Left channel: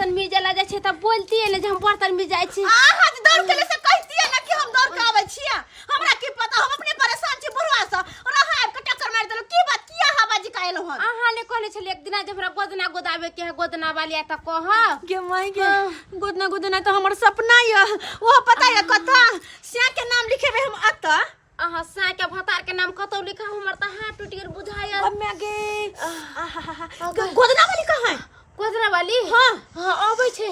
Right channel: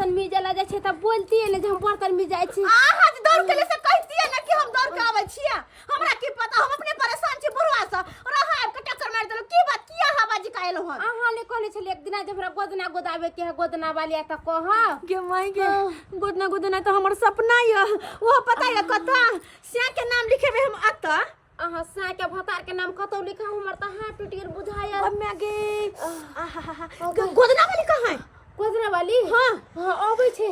बर्तन मिल जाला जाय छै त बोलती है ने जे हम बर्तन मिल जाय छै हां दौड़ के ले से कहती है ना कि हम दौड़ के आवे छियै हमरा की पता हम अपने परेशान छी बुढ़वा से और हां के टक्कर मार देलो की बात किया हवाजी काइलो हन अहाँ ने कहले छले एक दिना जे हमरा गोदना गोदावे के है गोदना वाली त कह गे माई गे गोदना तो हमर सपना है वो पता है कथा स्या के नाम लिखेबे हम अता अहाँ सा के भतार के नाम कतौ लिखा हमर त हाथ टूट गेल बुझाया अम्मा गे गोदना वाली कहां है गोदना वाली हां हां आबै छै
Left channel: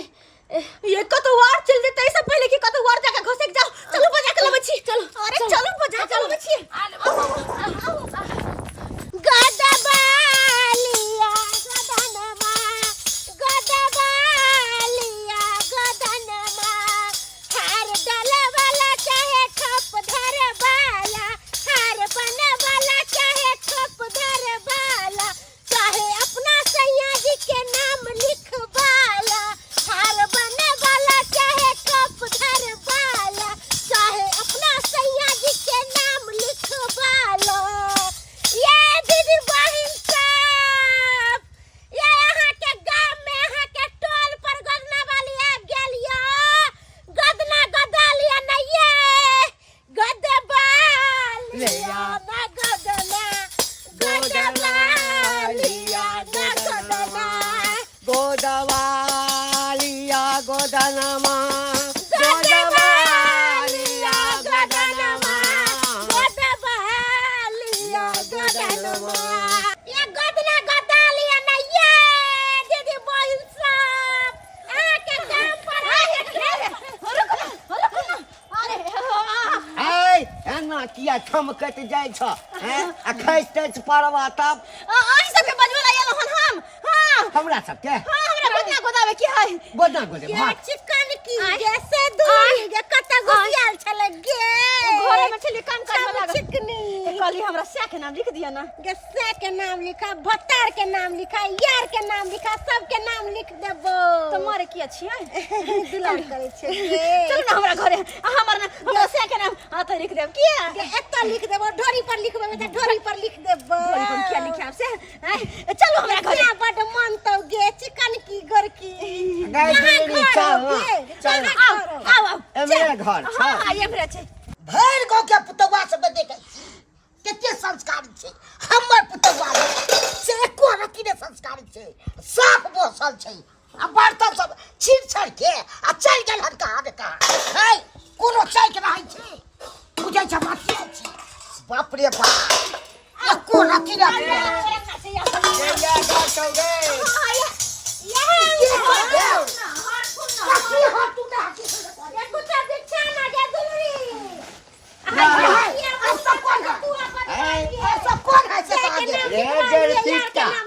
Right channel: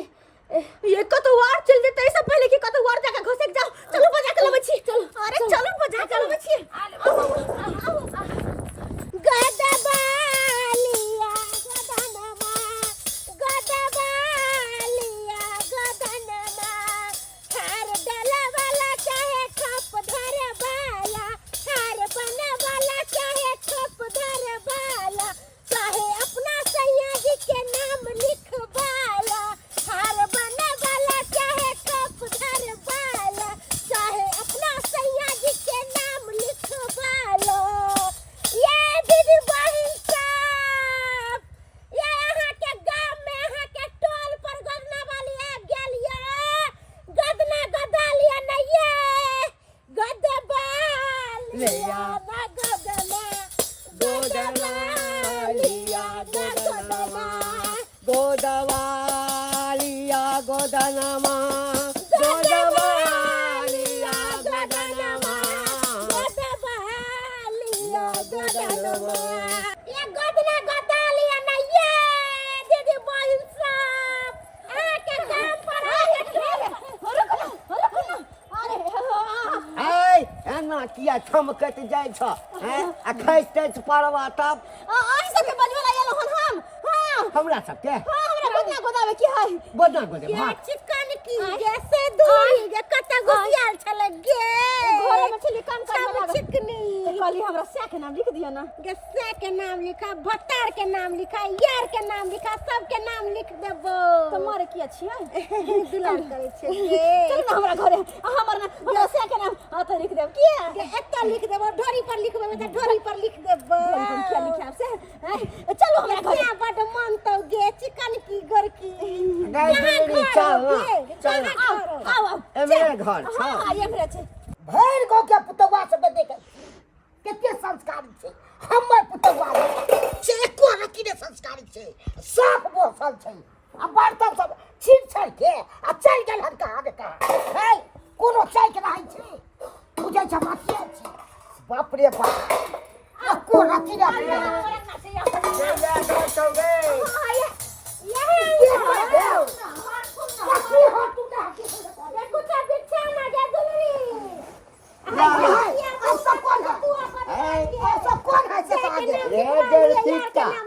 ये कतो वार चल जेते इससे पहले कि कतो वार जाके घसे जाओ चलो बजा के लबे छी चलो अरे चलो बजा के लबे छी गदबालिया गदनमा गदबालिया गदनमा हार डाले वाला चाहे ठप धरे वाला हार बने वाला चाहे ठप धरे वाला चाहे अपना सैया जी के नाम लिखवाला हार बने वाला चाहे ठप धरे वाला चाहे अपना सैया जी के नाम लिखवाला ये दीदी बहिन सब ये यहाँ के गांव में यहाँ के टोल पर गदना वाली आ गेलिया गदना गदालिया ना ये गदबालिया ना गदना गदबालिया गदना गोदवालिया गोदनमा गोदवालिया गोदनमा गदबालिया गदनमा ये गदना गदालिया ना ये दीदी बहिन सब आके गांव पर ऐ एना किया ठमकत जाइ छ हैं आ खैसते परवा तब आई सब के बजवला आयल हन हम हां हमरा सब के हमरा गोदना गोदावे की है गोदना गोदे ये भात चिकन की जैसे दूध के कता गुसियाल छले गे घरे में छली काम कर लगा चिकनी कहली हमरा से के नाम लिख दिया ना गे से के नाम लिखा भत्तार के नाम लिखा यार के नाम लिखा सब के नाम लिख देबो तुम्हारे की छियै दुलार करे छै चल ना हमरा घरे हमर ना हमरा से के नाम हाथ लिख देब किया गे एत लिख देबो ढोरी पर लिखबे त ढोरी पर लिख देबो ढोरी पर किया लिखाब से चलो हमरा घरे बड मन तो गे चिकन की घर की चल आओ मेरे घर छ हां ये मेरे छै भैर गो के पुतवा सब देखे कते संस्कारी छै हमर पुतवा से एको रति ने संस्कारी छै साफ बोसल छै आ बर्तन सब छीड़ छाड़ के आ चल गेल हन कहां ने कहां है कोनो चाय के रहै छै बुझै छ माथिया छै बाप रे बाप आ को रति ने या गटोगे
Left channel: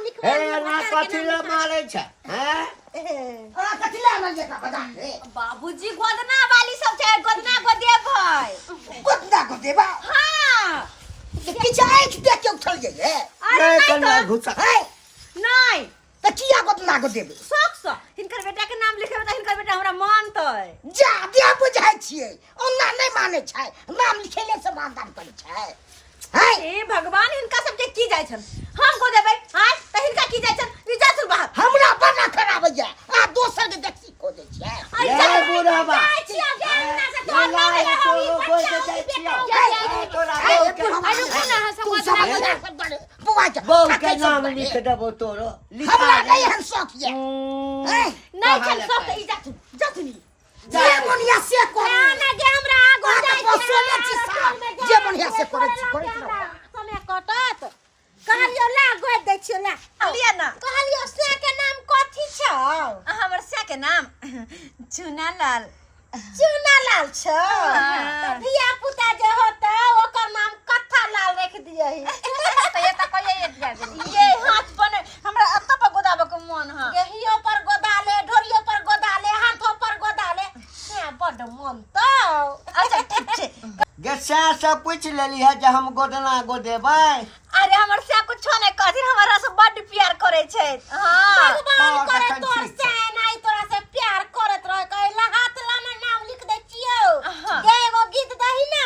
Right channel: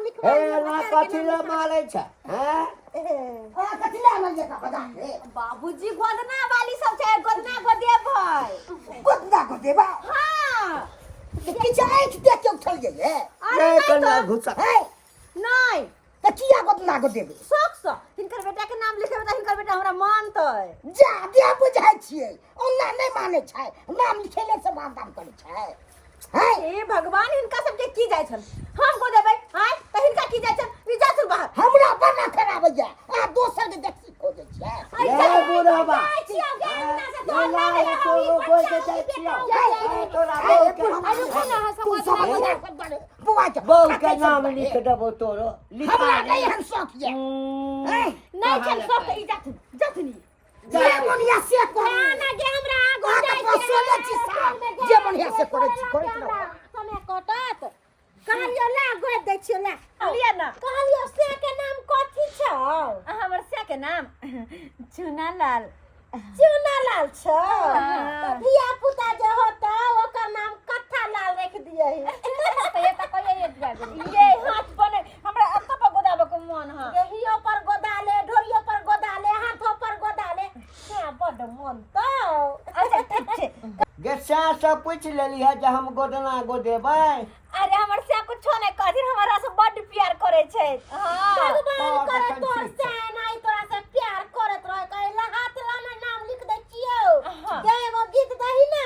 कथिला मारे छ हैं बाबूजी गोदना वाली सब छै गोदना गोदे भाई गोदना को देबा हां कि चाय देख के उठलिए ये ए कन्या घुसा है नहीं त किया गोदना को देबे शौक से हिनकर बेटा के नाम लिखेबे त हिनकर बेटा हमरा मानतै जा दिया बुझाइ छियै ओना नहीं माने छै नाम लिखेले से मानदान करे छै है ए भगवान हिनका सब के की जाय छन हम को देबै हां त हिनका की जाय छन विजय बाहर हमरा बना खराब है आ दोसर के देखी को दे छै ए बुढ़ावा छिया गेना से तो ला तो बोल के जाइ छियो तोरा बुआ जा बहु के नाम लिख देबो तोरो लिखा हमरा नहीं हन शौक ये नहीं छन सब के इज्जत जतनी जे मोनिया से को ना गे हमरा आगो जाय पोसले छी जे मोनिया से करे समय कटत कहलियो ला गोद दै छियो ला लिया ना कहलियो से के नाम कथि छौ हमर से के नाम चुनालाल छ त धिया पुता जे होता ओकर नाम कथा लाल रख दियही त ये त कहिए ये हाथ बने हमरा अत्ता पर गोदाबे के मन ह गेहियो पर गोदाले ढोरियो पर गोदाले हाथो पर गोदाले क्या बड मन तो अच्छा ठीक छै गसा से पूछ लेली है जे हम गोदना गोदेबै अरे हमर से कुछ नहीं कहथिन हमरा से बड प्यार करे छै हां भगवान करे तोर से नहीं तोरा से प्यार करत रह कहला हाथ लाना नाम लिख दे छियो गे एगो गीत दही ना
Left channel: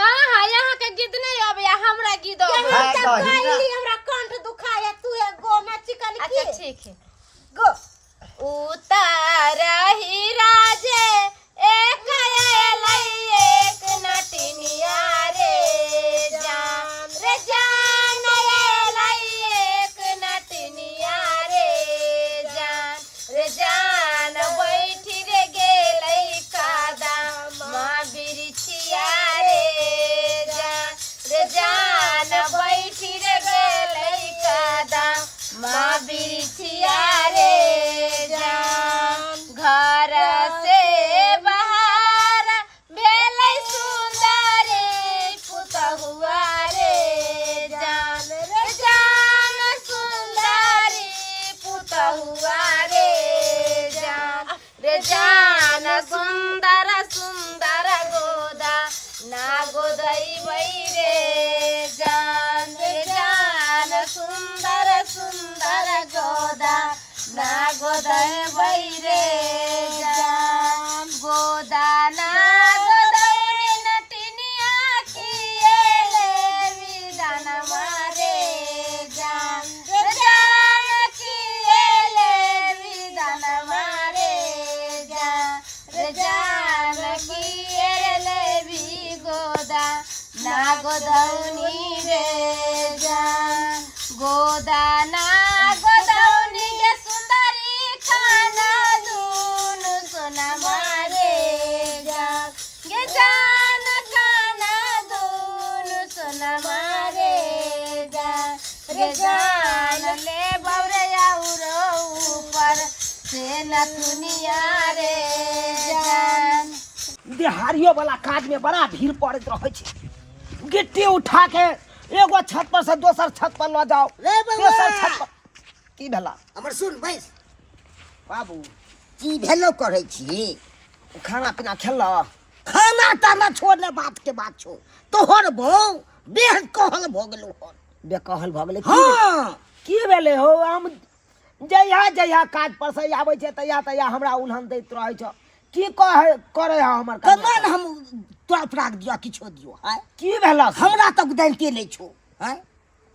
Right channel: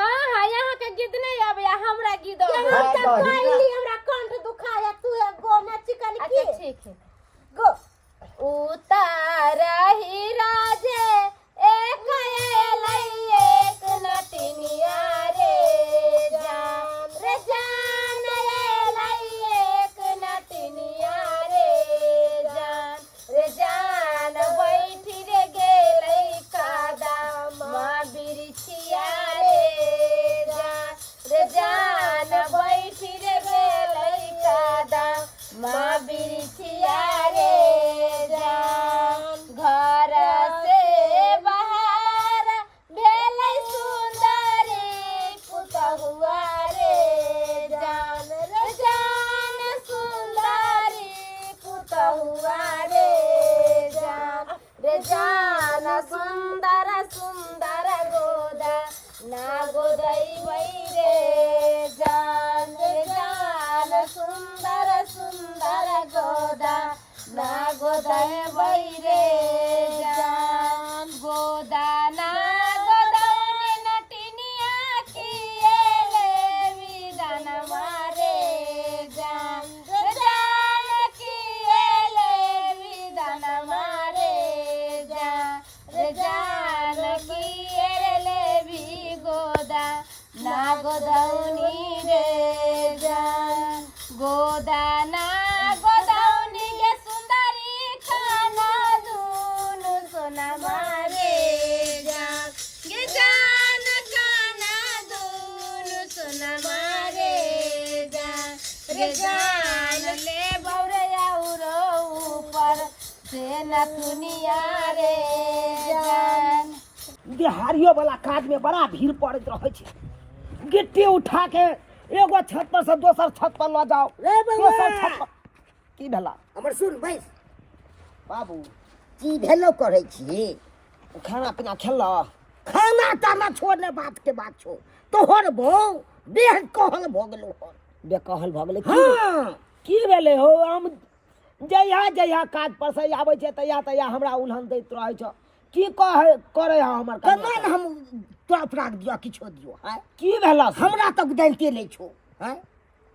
हां हां यहाँ के गीत नहीं आबे हमरा गीत आबे हाँ, कहली हमरा कंठ दुखाया तू गो में चिकन की अच्छा ठीक है गो उतार ही राजे एक एक नटनिया रे जान एक नटनिया रे जान बैठी रे गेलै कादा माँ बिरछिया रे जान बैठी रे गेलै कादा माँ बिरछिया रे जान घर से बाहर भेलै सुंदर पुतहुआ रे जान सुंदरी पुतहुआ रे जान सुंदर सुंदर गोदा ना गोदैबै रे जान सुंदर सुंदर गोदा ना गोदैबै रे जान गोदा ना गोदैबै नटनिया किएले विधान मारे जान किएले विधान मारे जान किएले भी गोदा ना गोदौनी रे जान गोदा ना गोदौनी गे सुंदरी खाना दून सोना मारे जान गे जान खाना दून सोना मारे जान ले बौरे आउरो ऊपर से नथुनिया रे जान बिहारियों वाला काज में बड़ा भीड़ पड़त रहे छे। गिट्टी उठा के एगो छत पर से दोसर छत पर ल जाओ ले बउआ तेसर छत पर की भेला हमर सुन बैस बाबू की भेलो करै छी खाना पीना खेल खाना ताना छोड़ने बात के बात छो तोहर बहू बेहद कहल भ गेलो हन बेकहल भ गेलै हाँ की भेलै हो हम जहिया काज पर से आबै छै तहिया हमरा उल्हन दैत रहै छ की करे है हमर कमान हम तोरा प्राग दियो किछो दियो है की भेला हमरा तक दैते नै छो है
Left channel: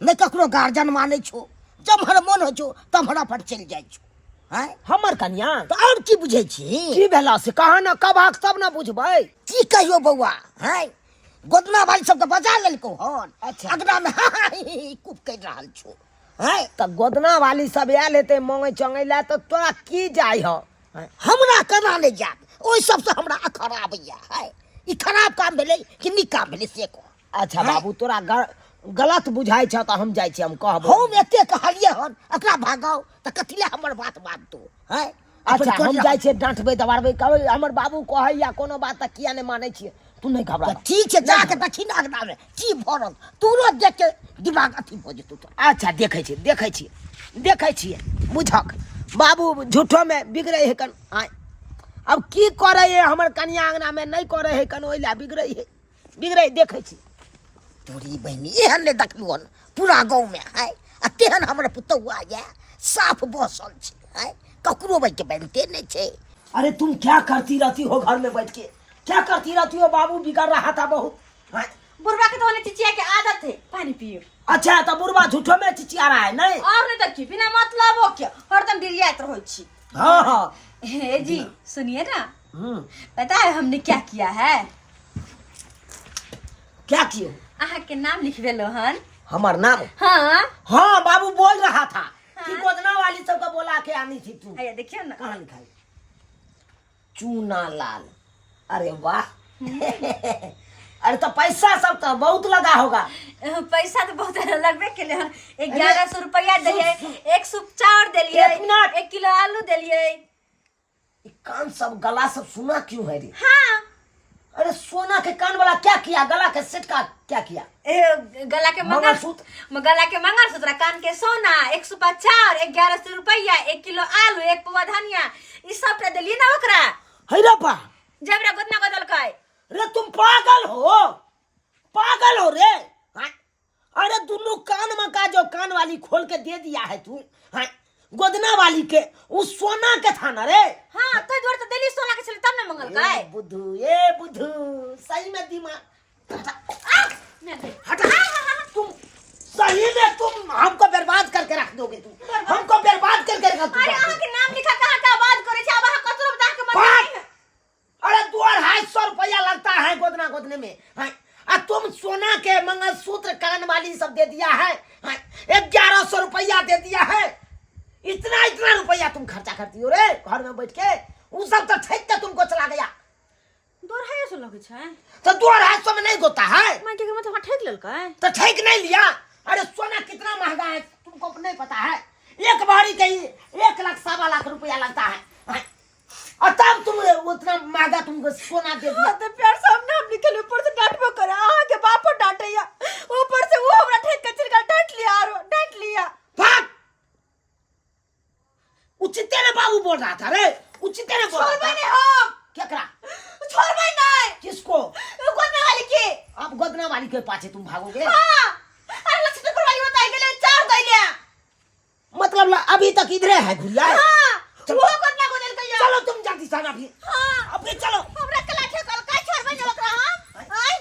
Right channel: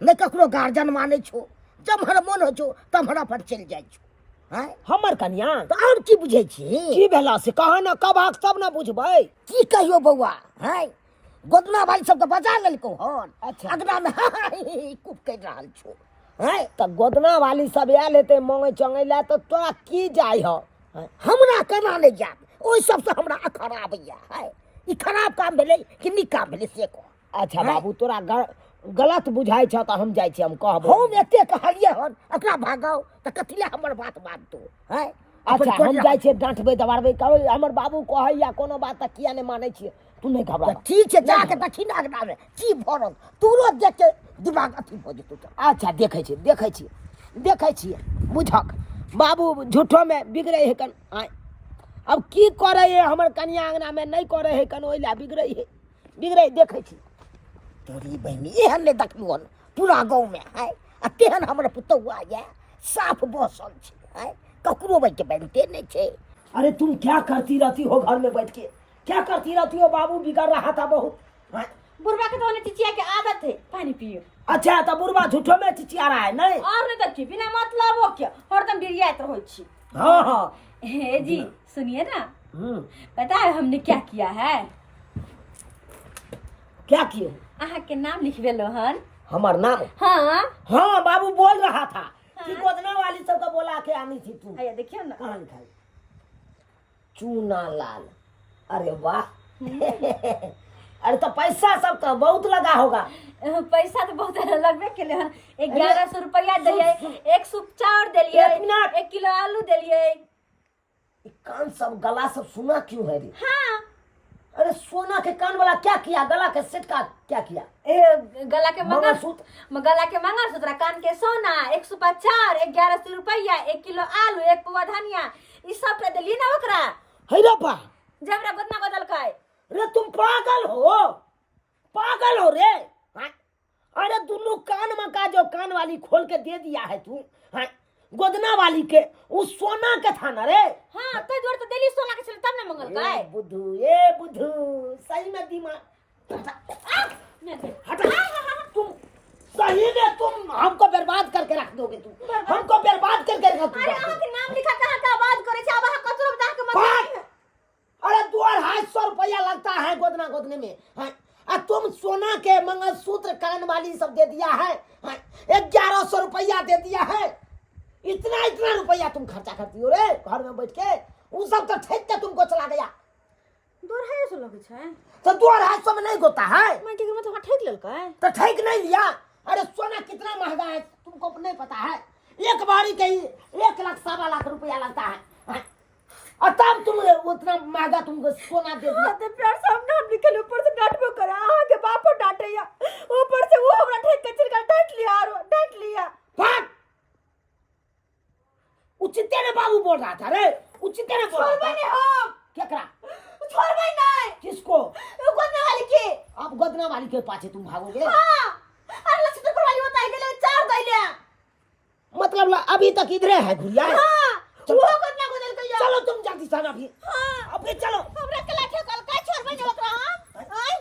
नै ककरो गार्जियन मानै छो जब हर मन हो छो तब हमरा पर चल जाय छो है हमर कन्या तो और की बुझै छी की भेला से कहा न कबाक सब न बुझबै की कहियो बौआ है गोदना वाली सब के बजा लेलको हन अच्छा। अगना में कुप कर रहल छो है त गोदना वाली सब आयल हेतै मांगे चंगे ला त तोरा की जाय हो हमरा केना नै जात ओइ सब से हमरा खराब या है ई खराब काम भेलै कि नीक काम भेलै से को अच्छा बाबू तोरा गलत बुझाइ छ त हम जाय छी हम कहबो हम एते कहलिए हन एकरा भागाओ त कथिले हमर बात मानतो है अच्छा हम जाय छी डांटबै दबारबै कहबै हमर बाबू कहै या कोनो बात त किया नै मानै छी तू नै घबरा ठीक छै जाके दक्षिण अगना में की भरल तुरंत देख के दिमाग अथी भ जेतौ त अच्छा देखै छी बुझक बाबू झूठो में बिगड़े है कन आय अब की करे है हमर कन्या अंगना में नहीं करे है कन ओइला बिगड़े देखै छी तोरी बहनी एहन नै देखलू हन पूरा गाँव में है आ तेहन हमर पुतौआ या साफ बसल छै है ककरो बैठ के बनते नहीं छै अरे तुम क्या करती रहती हो घर में बैठ के क्या करती रहती हो बाबू बिगड़ रहा था बहुत हाँ? बुढ़वा के तो चिचिया के आदत है पानी पियो अच्छा तो बुढ़वा झूठो में चिचिया रहा है नहीं और नहीं तो की बिना मतलब हो क्या हरदम डिरियात रहो छी हाँ हे जी सुनिए ना पता है हमने क्या किया है क्या किए आहा के नाम लिखवेलो हन हमार नाम हाँ बाबू बोल रहा था कि गोदना वाली सबको बोला के आनी थी तू आया देखिए ना कहाँ लिखाई चूना लाल अरे वाह अरे तो पैसा सब तो बहुत लगा होगा पैसा तो बहुत लगबे के हन 1100 रुपया दिलिए एक सूप चाउर दिलिए एक मिनट। 1 किलो आलू दिलिए ये कान सब गला सब सुना क्यों है रे हाँ अरे सोना के कान वाला क्या किया गला के सेट का क्या किया गला के मंगलसूत्र गला के मंगलसूत्र कान के सोना 1 सूप चाउर 1100 रुपया 1 किलो आलू 1 पौवा धनिया ई सब पे दिलिए ना ओकरा है रे बा जबरा गोदना बदल काय रे तुम पागल हो रे हाँ? अरे दोनों कान में का जो कान वाली खोल के दे दिया है तू हाँ? गोदना वाली के उस सोना के था ना रे हाँ तो जोड़ तो दिल्ली सोना के चले तब ना मंगल काय ए बुद्धू सही में दिमाग हटा तुम सही में तुम हमको बर्बाद करके रख दोगे तुम हमको बर्बाद करके रख दोगे अरे आहा के नाम लिखा कहाँ का हाँ? तुम सोना के मंगलसूत्र कान वाली सब दे दिया है, हाँ? 1100 रुपया दे दिया है। इतना इतना रुपया तुम खर्चा करती हो रे घर में बैठ के। वो सब तो ठेक के तुमको चला गया। 250 लगे छै तो 250 में नहीं होता है मैं के मतलब ठेक लेल का तो ठेक नहीं लिया। अरे सोना कितना महंगा है तुमको नहीं पता है। एक बारी के 1 लाख 1.25 लाख रुपया लगता है, हाँ? और तब तुम उतना महंगा तुमको सोना दे दिया। तो प्यार सामने हम निकल ऊपर से डांटबो करे आहा के बापो डांटैया, ऊपर से वो हमरा ठेक के चिरका डांट लिया। भाग। उचिते ने बाबू बोल रहा था रे, उचिते ने बोल रहा था। मैंने हम क्या करा? छोड़बै नहीं किसको? गोदना वाली के। अब गोदना वाली के पाछे तुम भागोगे? हां अरे लक्ष्मी वाली बताई गेले 4 दैले मतलब अभी तक इधरे है गुड़िया। हां वो गोदना गोदल कहिया। चलो तुम जल्दी से अभी। हां अभी चलो। हमरा कला ठेकल का छोड़बै नहीं ओकरा हम आई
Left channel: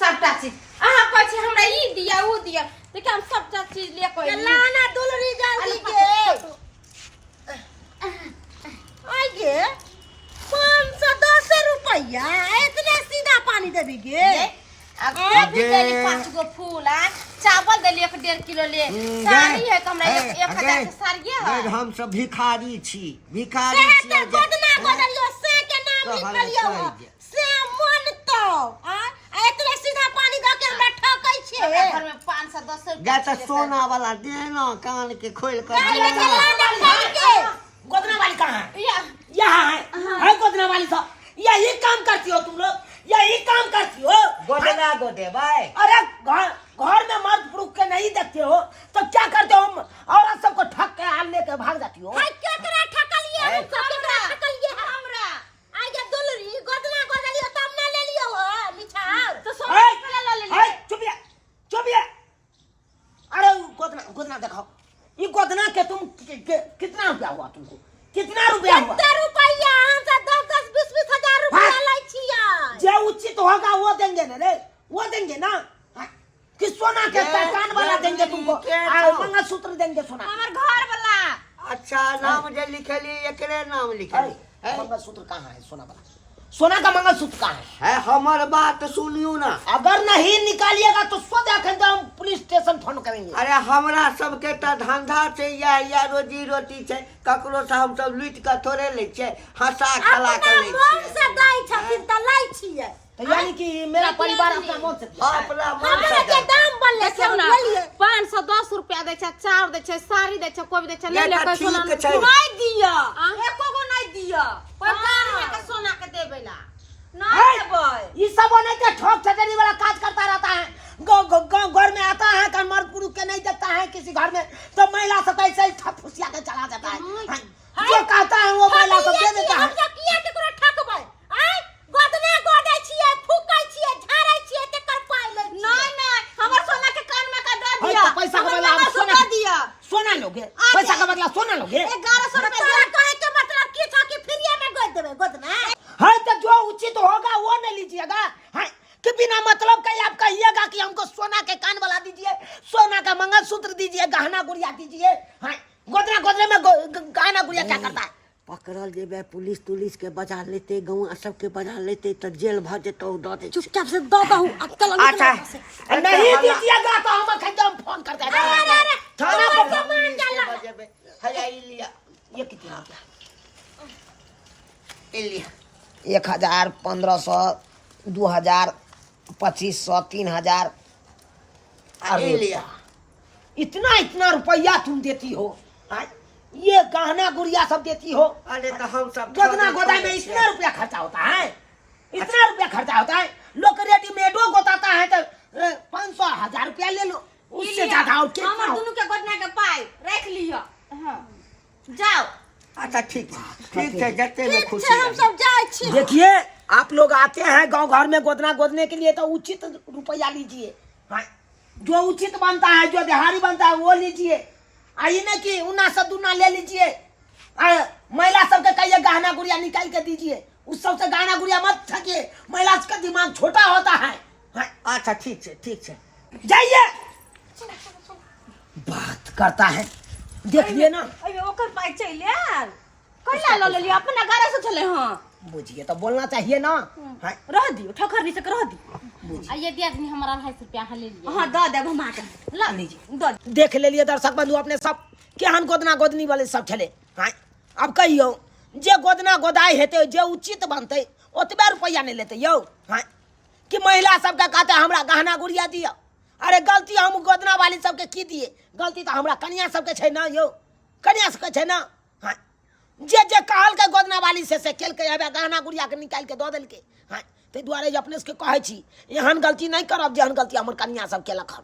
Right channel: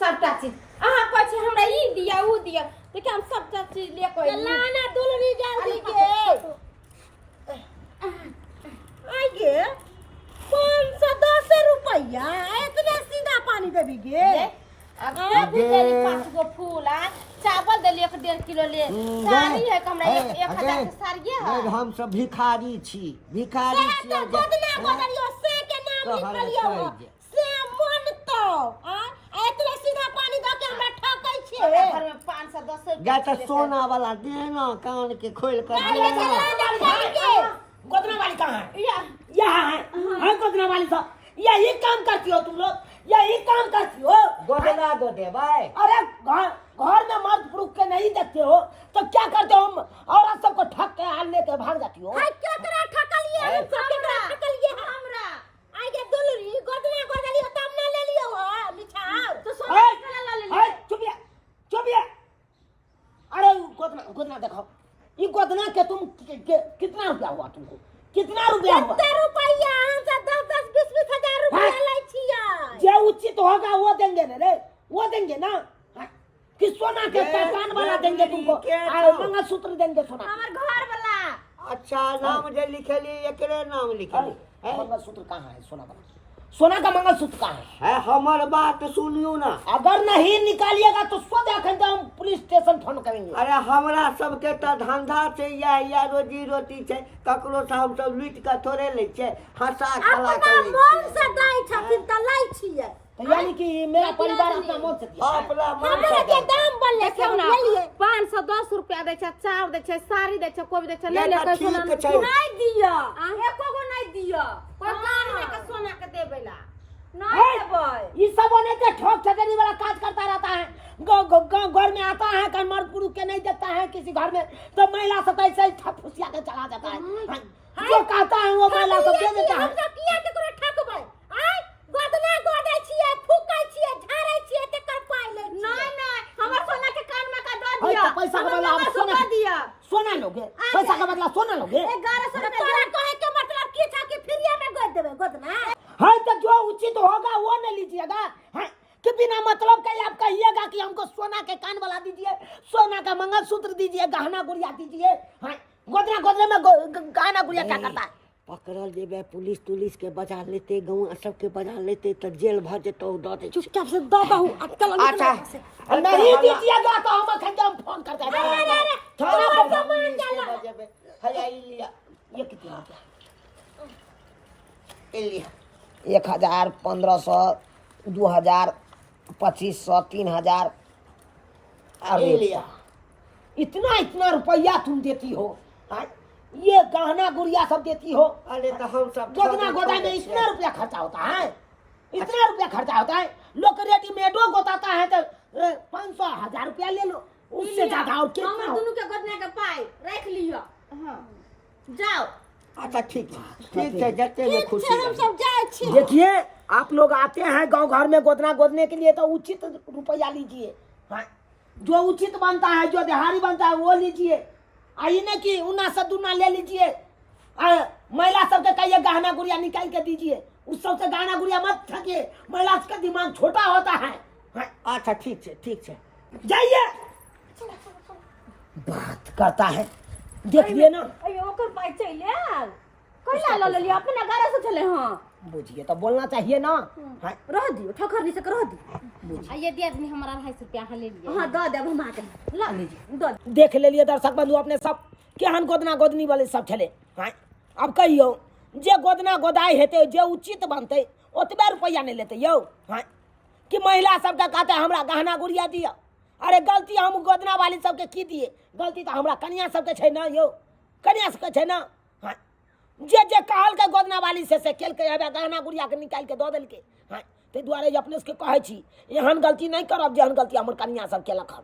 सबटा चीज अहा पाछे हमरा ई दिया ऊ दिया देखिए हम सबटा चीज ले कोई लाना दुलरी जल्दी के आई गे 510 रुपया इतने सीधा पानी देबी गे। अभी देली 5 गो फूल आ चावल देली 1.5 किलो ले साड़ी है हमरा 1000 के साड़ी है। हम सब भिखारी छी, भिखारी से छी। तो गोदना गोदलियो से के नाम लिखलियो से मन तो इतने सीधा पानी द के हमरा ठकै छे। घर में 510 या तो सोना वाला देना कान के खोल कर ये देना। गोदना वाली कहाँ है? या यहाँ है गोदना वाली सब। यही काम करती हो तुम लोग, यही काम करती हो। गोदना गोदे भाई। अरे घर में मर्द पुरुष के नहीं देखते हो तो क्या करते हो? औरत सबको ठग के हाल लेके भाग जाती हो। हाय क्या करा ठकलिए हम सब के ठकलिए हमरा आई गे दुलरी गोदना गोदलियो तब ना ले लियो हो मिठार तो सोना कला ले ले। चुप। अरे गोदना दिखाओ। ये गोदना के तुम कितना रुपया हुआ तुमको? कितना रुपया हुआ? कितना रुपया हम सब 10 20 हजार रुपया लै छियै। जो उचित होगा वो देंगे ना रे, वो देंगे ना। कि सोना के कान वाला देंगे तुमको, मंगलसूत्र देंगे सोना। हमर घर वाला अच्छा नाम जे लिखली एकरे नाम लिखली है। मंगलसूत्र कहाँ है सोना वाला? सोना का मंगलसूत्र कहाँ है? हमर बात सुनियो ना। अगर नहीं निकालिएगा तो सोच अखन तो हम पुलिस स्टेशन फोन करेंगे। अरे हमरा सबके तो धंधा छै या रोजी रोटी छै। ककरो से हम सब लूट के थोड़े ले छै, हंसा खला के ले मन छै। से दै छथिन त लै छियै। तो यानी कि मेरा परिवार अपना मौत से दिया है। अपना मन हमरा के से दाम बनले से हम लेलिए 510 रुपया दै छै, चाउर दै छै, साड़ी दै छै, कोई दै छै, ले ले ये कोई तो सोना ठीक छै। नहीं दिया एको गो नहीं दिया कोई कान में के सोना के देबे ला नहीं देबै। ये सब नहीं तो ठोक ठटेरी वाला काज करता रहता है। घर में आता है कि मर्द पुरुष के नहीं देखता है किसी घर में तो महिला सब ऐसे ही ठप फुसिया के चला जाता है। जो कहता है वो महिला सब दे देता है। हम सब किया केकरो ठकबै आई गोदना गोदै छियै फूकै छियै झाड़ै छियै तकर पाइ लै छियै। नहीं हमर सोना के कान में का दे दिया तो पैसा का बदला आप सोना दिया सोना लोगे? पैसा का बदला सोना लोगे? 1100 रुपया तोरा कहे के मतलब की था कि फ्री में गोद देबै गोदना। हाँ तो जो उचित होगा वो नहीं लीजिएगा। हाँ कि बिना मतलब का आप कहिएगा कि हमको सोना के कान वाला दीजिए, सोना का मंगलसूत्र दीजिए, गहना गुड़िया दीजिए। हाँ गोदने में गहना गुड़िया क्या करता है? पकड़ल जेबे पुलिस तुलिस के बजा लेते, गाँव सबके बजा लेते तो जेल भर जेतो दो दे। चुपचाप से दो दहु अक्कल अच्छा नहीं दीजिएगा तो हम एकदम फोन करते हैं। थाना पर बजेबे। हया लिया ये कितना रुपया? लिया 1000 1500 2000 2500 3000 लिया। इतना इतना रुपया तुम देती हो? हाँ? ये गहना गुड़िया सब देती हो? अरे तो हम सब गोदना गोदाई में इतना रुपया खर्चा होता है? इतना रुपया खर्चा होता है? लोग रेडीमेडो गोताता है तो 500 1000 रुपया ले लो, उससे ज्यादा और क्या? हमर दोनों के गोदना के पाई रख लिया। हां जाओ। अच्छा ठीक है जते में खुशी हम सब जाय छी। देखिए आप लोग आते हैं गांव घर में गोदना गोदने के लिए तो उचित रुपया लीजिए। हाँ? जो उचित बनता है, जो दिहाड़ी बनता है वो लीजिए। आई न कि उना सब दुना ले लीजिए। महिला सबके कहिए गहना गुड़िया निकाल के दीजिए, उस सबसे गहना गुड़िया मत ठगिए, महिला का दिमाग छोटा होता है। हाँ? अच्छा ठीक है जाइए। बात करता है देखिए ना। अयो ओकर पाई चले कइला ल ले लिया अपना गाड़ी से चले। हां बुझिए तो बोलना चाहिए ना। हाँ रह दियो ठोकर से रह दी। आ ये दिया आदमी हमारा 250 रुपया हाँ ले लिया। हाँ दो देब हम आके ला लीजिए दो। देख ले लिए दर्शक बंधु अपने सब केहन गोदना गोदनी वाले सब छले। हाँ अब कहियो जे गोदना गोदाई हेते जे उचित बनते ओतबे रुपया नहीं लेते यौ। हाँ कि महिला सबके कहते हमरा गहना गुड़िया दिया। अरे गलती हम गोदना वाली सबके की दिए, गलती तो हमरा कन्या सबके छै ना यौ, कन्या सबके छै ना। हाँ जे जे कहल के गोदना वाली से केल के हेबे गहना गुड़िया के निकाल के दो देलके। हाँ ताहि दुआरे जे अपने से कहै छी एहन गलती नहीं करब जेहन गलती हमर कन्या सब केलक हन।